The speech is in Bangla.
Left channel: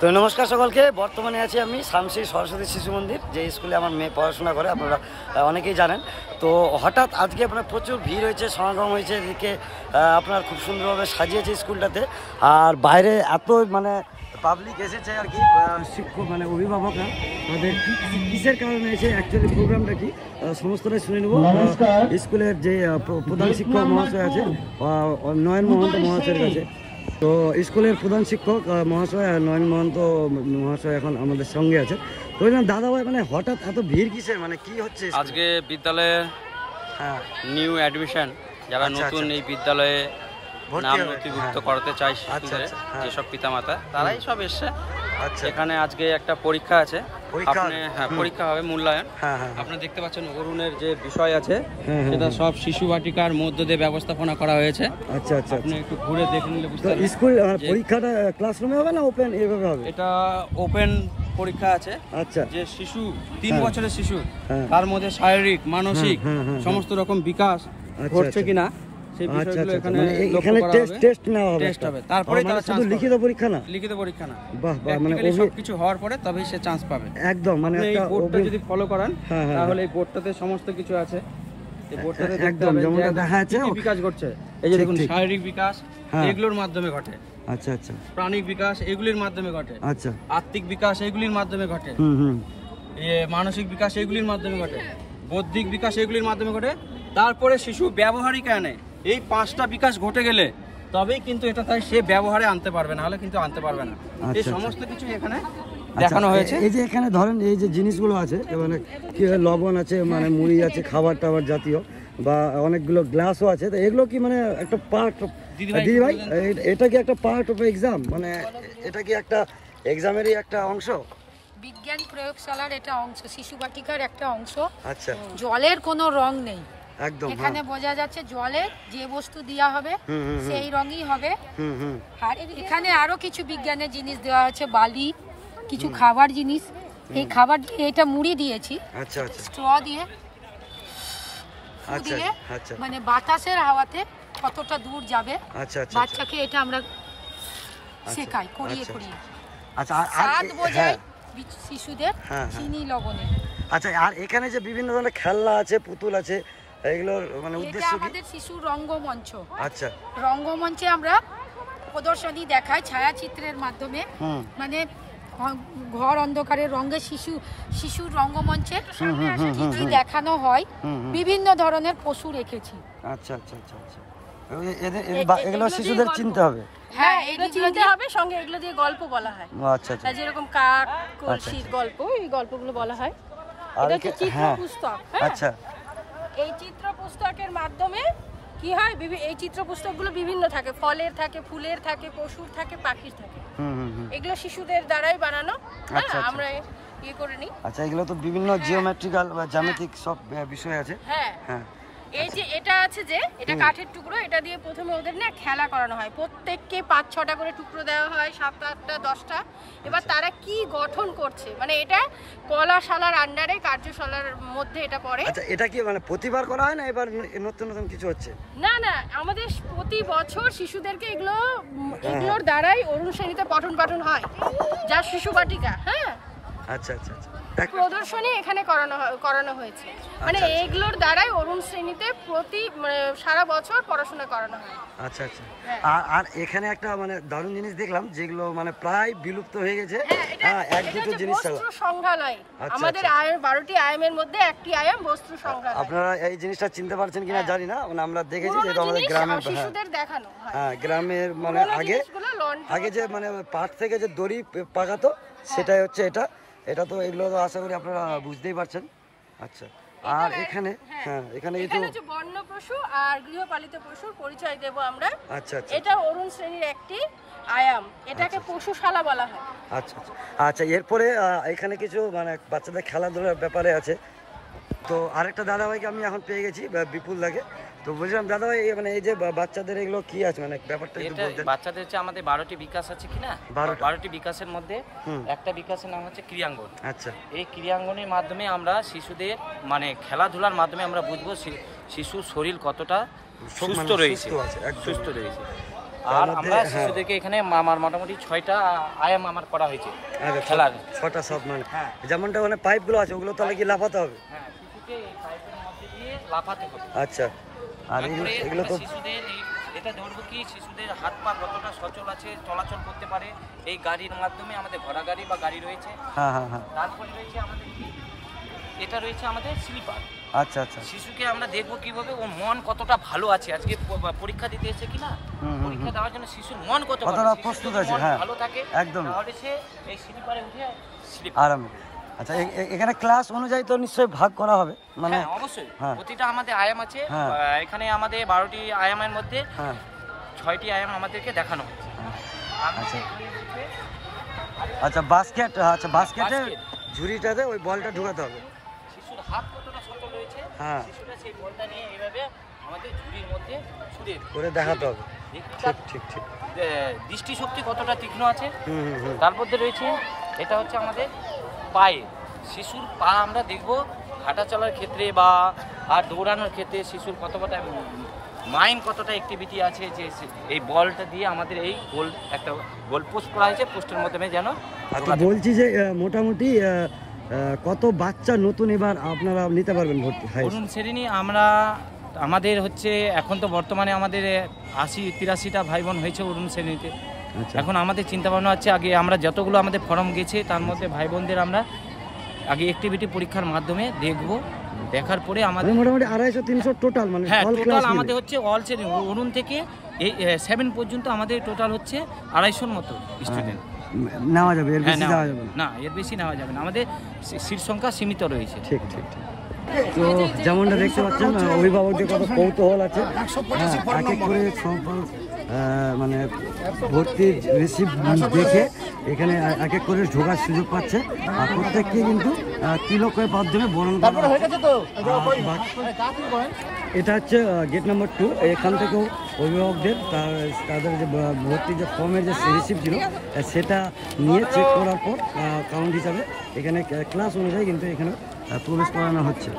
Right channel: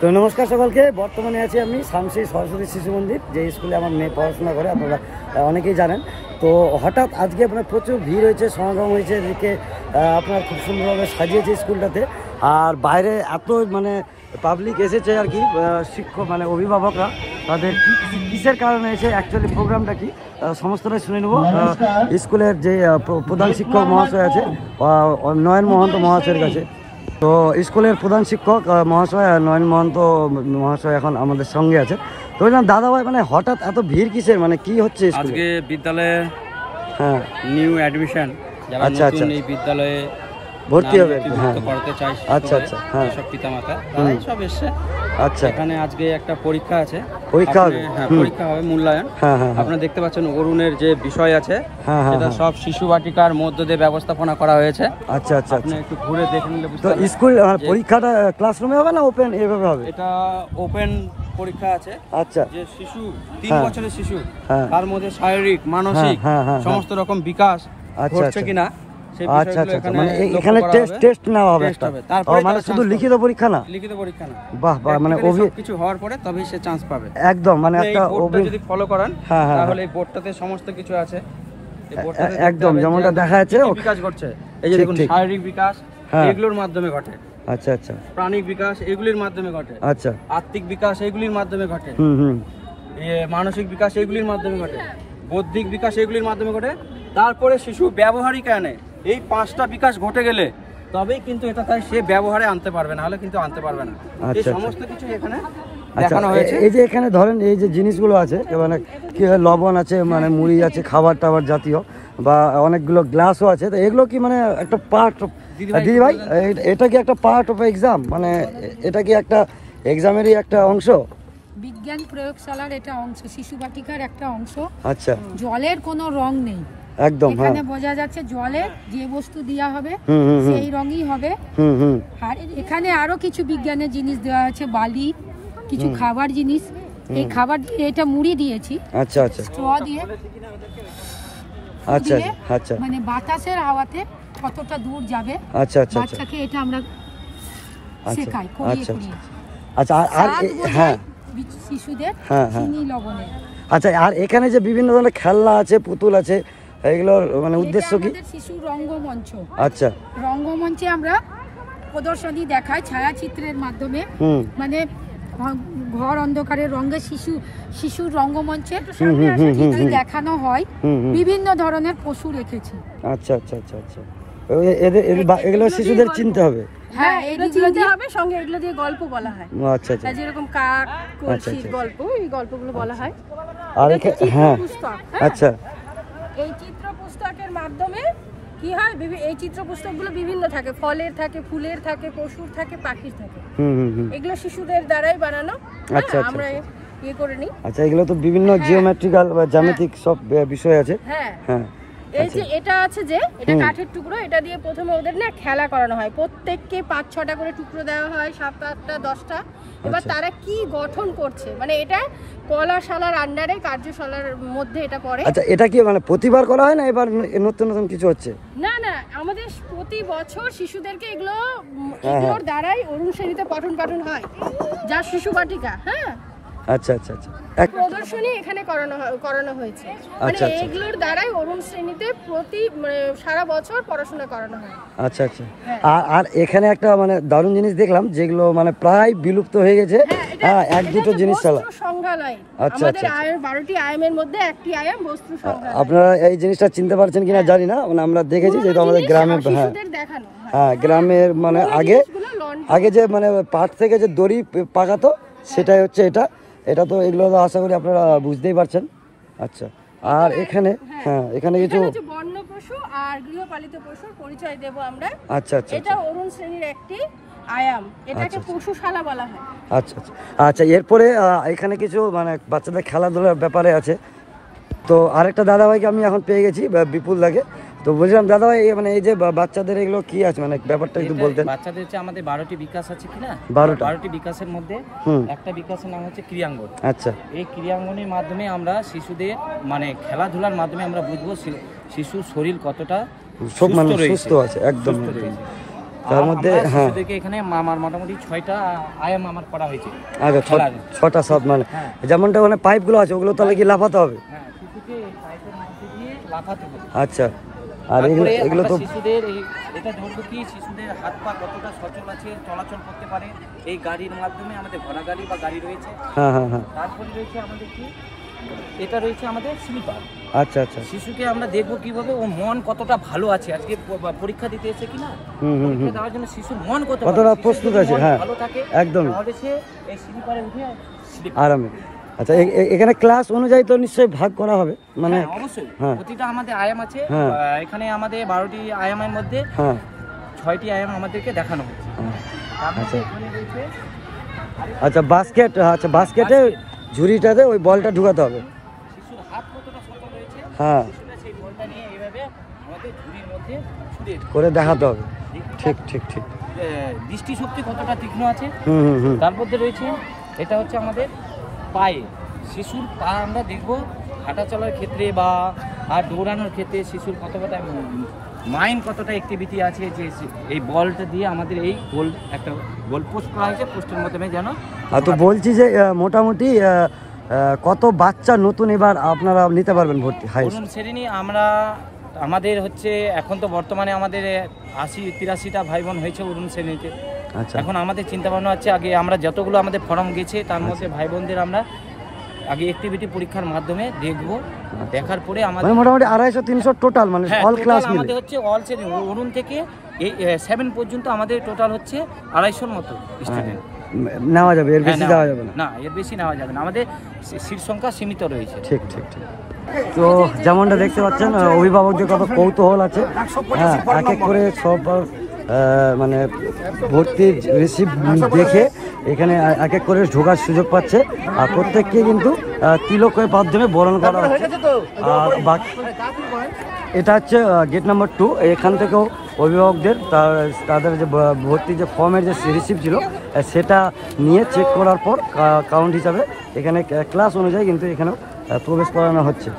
তো নমস্কার সকলকে। বর্তমানে আছি আমি শামসী সরস্বতী শিশু মন্দির, যে স্কুলে আমার মেয়ে পড়াশোনা করে, আপনারা অনেকেই জানেন। তো হঠাৎ আজকে আপনার প্রচুর ভিড় হয়েছে, সমাগম হয়েছে, এদিকে আপনার খুব সুন্দরভাবে সাজিয়েছে স্কুলটাতে। আর বাইরে এত মানে পাবলিক এসেছে আর কি, শিক্ষক মানে অভিভাবকরা, তাদের কিসের কারণে এসে অ্যাকচুয়ালি প্রোগ্রামটা কি সমস্তটাই শুনে নেব স্কুলের যে প্রধান শিক্ষক মহাশয় আছে নয়ন মহন্ত মহাশয়ের কাছে। তো স্কুলের প্রধান শিক্ষক মহাশয় নয়ন মহন্ত মহাশয় এখন আমাদের সঙ্গে আছে। তো দাদা ভাই, মানে হঠাৎ এত ভিড় কিসের, মানে কি হচ্ছে আজকে বিদ্যালয়ে? হ্যাঁ, নিউ অ্যাডমিশন যারা নতুন এই বিদ্যালয়ে ভর্তি হবে, করতে চাই, আচ্ছা আচ্ছা, হ্যাঁ, সব পিতামাতা তারাই সব এসছে। আচ্ছা, এখানে আজকে একটা পরীক্ষা আছে, পরীক্ষা হবে, হ্যাঁ পরীক্ষা হবে, মূল্যায়ন। আপনারা দেখতে পাচ্ছেন অরুণের যে বিষয় আছে সেটা সব শিশু বাটিকার মধ্য দিয়ে ব্যবস্থাপনা করা হয়েছে। আচ্ছা আচ্ছা, আপনি একটু ঘুরে দেখে নিলে বুঝতে পারবেন। স্কুল পরীক্ষাটা ক্লাসরুমে হবে না ওপেন এভাবে হবে? এটা ওপেন পরীক্ষা আছে। আচ্ছা, যে শিশু 3 বছরের শিশু, তার মধ্যে শারীরিক মানসিক সমস্ত রকম বিকাশ হচ্ছে কিনা। আচ্ছা আচ্ছা, মানে এখানে টেস্ট নেওয়া হবে, তারপরে মানে শুধু লিখিত পরীক্ষা না? লিখিত পরীক্ষা না, বাহ বাহ, মানে সবকিছু হওয়ার পরে তবেই সে চান্স পাবে একদম। মানে একটা যদি ফলো করেন তাহলে এই বোর্ডটাতে সমস্ত কিছু আছে একদম যেমনটা দেখা যাচ্ছে। বিকাশ ঘটছে, এই যে দেখুন, শারীরিক বিকাশ এগুলোর মাধ্যমে ঘটে। আচ্ছা আচ্ছা, প্রাণিক বিকাশ এগুলির মাধ্যমে ঘটে। আচ্ছা, আত্মিক বিকাশ এগুলির মাধ্যমে ঘটে। মানসিক বিকাশ এগুলির মাধ্যমে ঘটে। বৌদ্ধিক বিকাশ এগুলির মাধ্যমে ঘটে। তারপরে শিশু ব্যবহারিক আনে। এই 5টা বিকাশ ঘটে গেলে তবেই কিন্তু এটা তাই সে ব্যবহারে আনতে পারবে, না হলে কিন্তু আনতে পারবে না। এই সমস্ত কিছু এখানে দেখানো হয়েছে। এই যে এখানে ধরেন এই যে জিনিসগুলো আছে, মানে কি লবণ আছে, মানে মুড়ি আছে, খাবার টাবার জাতীয়, বা অনেকগুলো গ্লাসও আছে, তো এগুলো কি মানে একটা পার্ট? দিদি ভাই, এটা কি একটা পার্ট অফ এক্সাম? মানে এটা কি একটা এক্সামেরই একটা অংশ? বিজ্ঞান প্রয়োগশালার এটা অংশ, শিশু বাটিকার একটা অংশ। আচ্ছা, জলের কোনো রং নেই একদম, এখানে বোঝা যাচ্ছে জলের যে বস্তু দেওয়া হবে সেই রঙই হবে। আর এখানে আরো কিছু বিজ্ঞানের জিনিস দেওয়া আছে, বালি, কিছু খাবার জিনিস। এই খাবার দিয়ে এটা মুড়ি দিয়েছি, আচ্ছা আচ্ছা, স্ট্র দিয়ে, আচ্ছা আচ্ছা, মানে বাতাসের হাওয়াতে কতটা দূর যাবে। আচ্ছা আচ্ছা, বাচ্চাকে এটা আমরা শেখাই, করিয়ে করিয়ে। আচ্ছা, আর বোঝাই শিশুদের চিনি লবণে। আচ্ছা, আর এখানে যে বিভিন্ন ধরনের খেলনা আছে, পুতুল আছে, এগুলোর মানে উদ্দেশ্য কি? আমাদের শিশুর রঙ্গমঞ্চ। আচ্ছা, রঙ্গমঞ্চে আমরা প্রদর্শনী দেখাই ছায়াচিত্রের মাধ্যমে, মানে ঘর অন্ধকারের রঙে শিশুর রঙ্গমঞ্চে দেখানো হয়। বিভিন্ন ধরনের পশু রেখেছি। আচ্ছা আচ্ছা আচ্ছা আচ্ছা, এগুলো শিশুদের চিনতে হবে। হ্যাঁ, এইগুলো দিয়ে হবে, সঙ্গে এগুলো দিয়ে গল্প বলা হয়। আচ্ছা আচ্ছা, যেরকম কাক কলসির গল্প, এই গল্পগুলো বলা হয়। আর হ্যাঁ, আচ্ছা, এই চিত্র পুস্তকের মাধ্যমে কি হয়, এই চিত্র পুস্তকগুলো বিভিন্ন থাকে, ফলের থাকে, ফুলের থাকে, পশুর থাকে, পাখির থাকে। এগুলো শিশুদের দ্বারাই বানানো। আচ্ছা, আমরা ইয়ে করে নিই। আচ্ছা, এগুলো তো বিভিন্ন জিওমেট্রিক্যাল বা জ্যামিতিক সব বিষয় আছে। হ্যাঁ হ্যাঁ, এই যে এটা আছে, যে এটা কাঠের টুকরো, এটা দিয়ে প্রথমে ওদের না খেলা করানো হয়। প্রত্যেককে 5-6টা করে টুকরো দেওয়া হয়, 7-8টা 10টা। এবার তারা কি গঠন করছে, মানে এটা কলাশালার আন্ডারে, কার্যশালার মধ্যে এটা পড়ে। আচ্ছা, এটা কি মানে প্রতিবার করা হয় না এবার নতুন নতুন কিছু হচ্ছে? না না, আমাদের প্রতি বছর শিশুদেরকে এগুলোর দ্বারাই অরুণ শ্রেণীতে পঠন পাঠন হয়, যা শিশু বাটিকা। হ্যাঁ, আচ্ছা আচ্ছা আচ্ছা, প্রদর্শনী এখানে করানো হয়েছে, মানে এগুলোর দ্বারাই অরুণ শ্রেণীতে সারা বছর পড়াশোনা করানো হয়। আচ্ছা আচ্ছা, আর এখানে একটা মানে দারুণ জিনিস দেখলাম, যেগুলো মানে প্রায় বিলুপ্ত হয়ে গেছে। হ্যাঁ, এক দুটো জিনিস চালা সংগ্রহালয়। আমাদের 12টি আয়ামের মধ্যে একটি আয়াম বস্ত্র সংগ্রহালয়। আপনারা এই জিনিসটা চিনতে পারছেন কিনা জানি না, মানে আমরা দেখেছি যেটা আমাদের গ্রামের, হ্যাঁ গ্রামের, মানে আগে যে মানে পাট থেকে যে দড়ি পাকাতো, সেটাই হচ্ছে এটা। এটা তো এগুলো আশা করি আপনারা বুঝতেই পারছেন। আচ্ছা, আর এখানে এখানে কিছু বন্য পশু আর গৃহপালিত পশুর পরিচয় দেব আমরা। আচ্ছা আচ্ছা, এটা অরুণ শ্রেণীর একটি আয়াম, এটাকে পশুশালা বলা হয়। আচ্ছা আচ্ছা আচ্ছা, এরপরে এখানে কিছু মানে বাচ্চাদের খেলাধুলার ব্যাপারে আছে। তো আরেকটা দাদাভাইকে আমি এখন পেয়ে গেছি, বিপুল দাকে। তো বলছিলাম দাদাভাই, মানে এই যে বাচ্চাদের এগুলো কি আছে, মানে ব্যাপারটা একটু বলতেন। বাচ্চাদের হচ্ছে আমাদের 12টি বিকাশ আছে কিনা, 12টি বিকাশের মধ্যে একটা বিকাশের নাম হচ্ছে ক্রিয়াঙ্গন। আচ্ছা, এই ক্রিয়াঙ্গনের মাধ্যমে আমরা শিশুদের মানে খেলাধুলার মাধ্যমে আমরা বুঝবো শিশুর শরীর কতটা সুস্থ আছে, একদম। তার মধ্যে হ্যাঁ শিশুদেরকে এখানে আমার মোটামুটি 6টা আয়াম আমার করা হয়েছে। আচ্ছা, খেলার। 6টা সব মানে হ্যাঁ। যেমনটা মানে পাইপগুলো আছে ওগুলো তাহলে কি লাফাতে হবে? হ্যাঁ, শিশুকে এই পাইপের মধ্যে দিয়ে লাফাতে হবে। আচ্ছা, আর এগুলো তারপরে এগুলো আমরা তো শিশুদের এটা ধরবো কি শিশুদের হাত পা কতটা সচল আছে, চলাচল করতে পারে এই গাড়ির মাধ্যমে। আমাদের ঘোড়া গাড়ি বা গাড়ি রয়েছে। হ্যাঁ হ্যাঁ হ্যাঁ তারপরে রয়েছে আমাদের কি, এটা রয়েছে আমাদের স্লিপার। আচ্ছা আচ্ছা শিশুকে আমরা দেখবো কিভাবে ও মন কতটা ভালো আছে, আজকে পরীক্ষা দিতে এসে কিনা, পরীক্ষা দেওয়ার জন্য শিশুর মন কতটা প্রস্তুত আছে। হ্যাঁ ভালো থাকে একদম তাহলে সে এই স্লিপারে উঠে আরামে। আচ্ছা, এখানে ক্লাস অনুযায়ী তো নিশ্চয়ই ভাগ করা হবে মানে? অবশ্যই হ্যাঁ। প্রতিটা আমাদের আয়াম আছে। হ্যাঁ। এখানে আমাদের 12টি আয়ামের মধ্যে হ্যাঁ 6টি আয়াম আমাদেরকে দেখানো হচ্ছে। তার মধ্যে আচ্ছা। এখানে রয়েছে আচ্ছা বাস্কেট, আচ্ছা বাস্কেটে ঝুড়িটাতে ওই বলটা ঢুকাতে হবে। শিশুর হাত কতটা সচল রয়েছে, হ্যাঁ শিশুরা সেই বলটা নিয়ে এইভাবে আমাদের ঝুড়ির মধ্যে ছুটে করে দেখাতে হবে। ঠিক ঠিক ঠিক। দৃষ্টিশক্তি কতটা তীক্ষ্ণ আছে। হুম হুম হুম তারপর রয়েছে এটা হচ্ছে আমাদের পায়ে, শিশুর পা আমরা দেখব হাঁটা চলার ক্ষেত্রে বা আর দৌড়ানোর ক্ষেত্রে শিশুর কতটা মাইন্ড কতটা অ্যাক্টিভিটি আছে, যে এই বলটা দিয়ে আমাদের এই গোল একটা গোল পোস্ট করা হয়েছে, পোস্টের মাধ্যমে যেন। আর তো বলছি যে মোটামুটি কত বাচ্চা নতুন এবার আপনারা নিতে পারবেন ভর্তি হাই? অরুণ শ্রেণী আমরা আমাদের হচ্ছে এখন তো বর্তমানে আমাদের 80-83টা ভাই বোন হয়েছে অরুণ শ্রেণীতে। আচ্ছা এখন আমাদের চিন্তা ভাবনা হচ্ছে আগে আমরা যতগুলো আমাদের ফর্ম গেছে তার মধ্যে ভাই বোনদের আমরা আগে অ্যাক্টিভিটি পরীক্ষার মাধ্যমে দেখব, দেখার পরে আমাদের মোটামুটি 250-300 টোটাল মানে হ্যাঁ অল ক্লাস টোটাল আমাদের হচ্ছে অল শ্রেণী অরুণ থেকে এই 7 পর্যন্ত আমাদের টোটাল হচ্ছে 250-র মতো স্টুডেন্ট নেওয়া যাবে, এর বেশি দেওয়া যাবে না। না, এর বেশি নেওয়া যাবে না, আমাদের সিট সংখ্যা সীমিত রয়েছে। ঠিক ঠিক ঠিক। তো যেমনটা দেখতে পাচ্ছেন অভিভাবকদের কত কৌতূহল আছে। হ্যাঁ, এক এক করে সব মানে ভর্তির রিসিভ দেখে এখানে এক এক করে ঢোকার সুযোগ পাচ্ছে। আর প্রত্যেককে কিন্তু তিলকের মাধ্যমে বরণ করা হচ্ছে। আর বাকি এটা হচ্ছে গেট নাম্বার 2। এখান থেকেও অভিভাবকদের তাদের যে ভর্তির যে ফর্মের যে রিসিভ ছিল সেটা নিয়ে চেক করার পর কাউন্ট হিসাবে এখানে ক্লাস অনুযায়ী কিন্তু এখানেও প্রবেশ করানো হচ্ছে।